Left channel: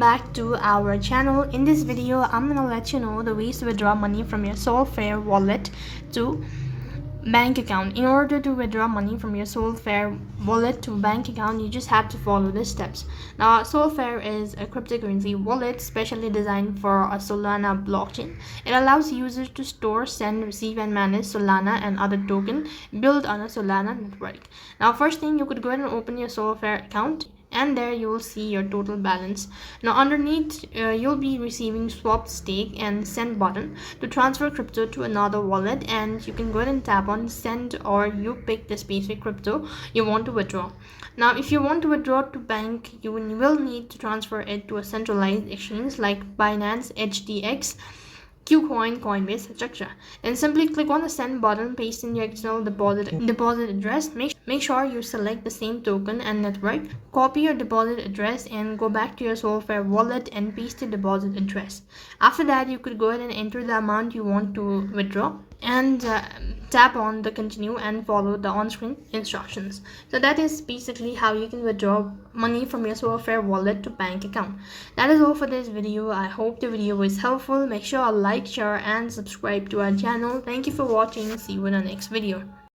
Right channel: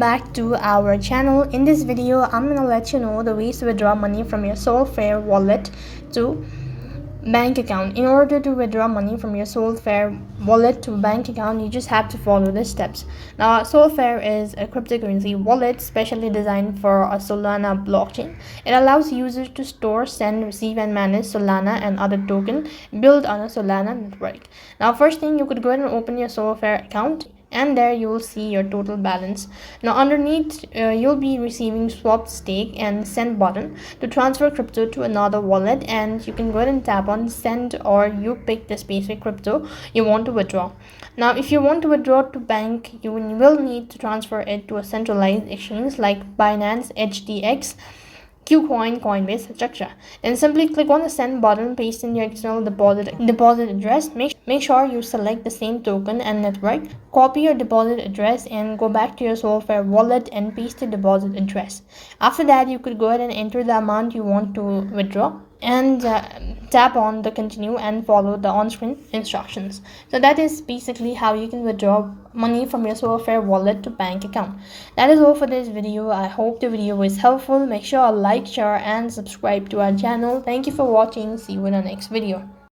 back to our channel. In this video, I'm gonna let you know the ways to withdraw money from your Solflare wallet to bank account. In order to withdraw money from your Solflare wallet to bank account, you just have to follow the steps. Now, Solflare is a cryptocurrency wallet specially designed for a Solana blockchain. It allows users to store, send, receive, and manage Solana and other tokens built on a Solana network. Now, first thing, you could go ahead and open your Solflare account, and there you will see your total balance. Now underneath you'll be receiving swap, stake, and send button to transfer crypto to another wallet, and you can go ahead and tap on send, or you pick the specific crypto you want to withdraw. Now if you want to withdraw to bank, you will need to transfer it to a centralized exchange like Binance, HTX, Qcoin, Coinbase, etc. Then simply click on the send button, paste in your external deposit address. Make sure you select the same token and network. Copy your deposit address and go back to your Solflare wallet and paste your deposit address. After that, you could go ahead and enter the amount you want to withdraw and tap on the continue and follow the on-screen instructions. So that is basically how you can withdraw money from your Solflare wallet to bank account. That is all for this video. I hope the video was helpful. Make sure to like, share, and subscribe to our channel. Thank you for watching. See you in the next video.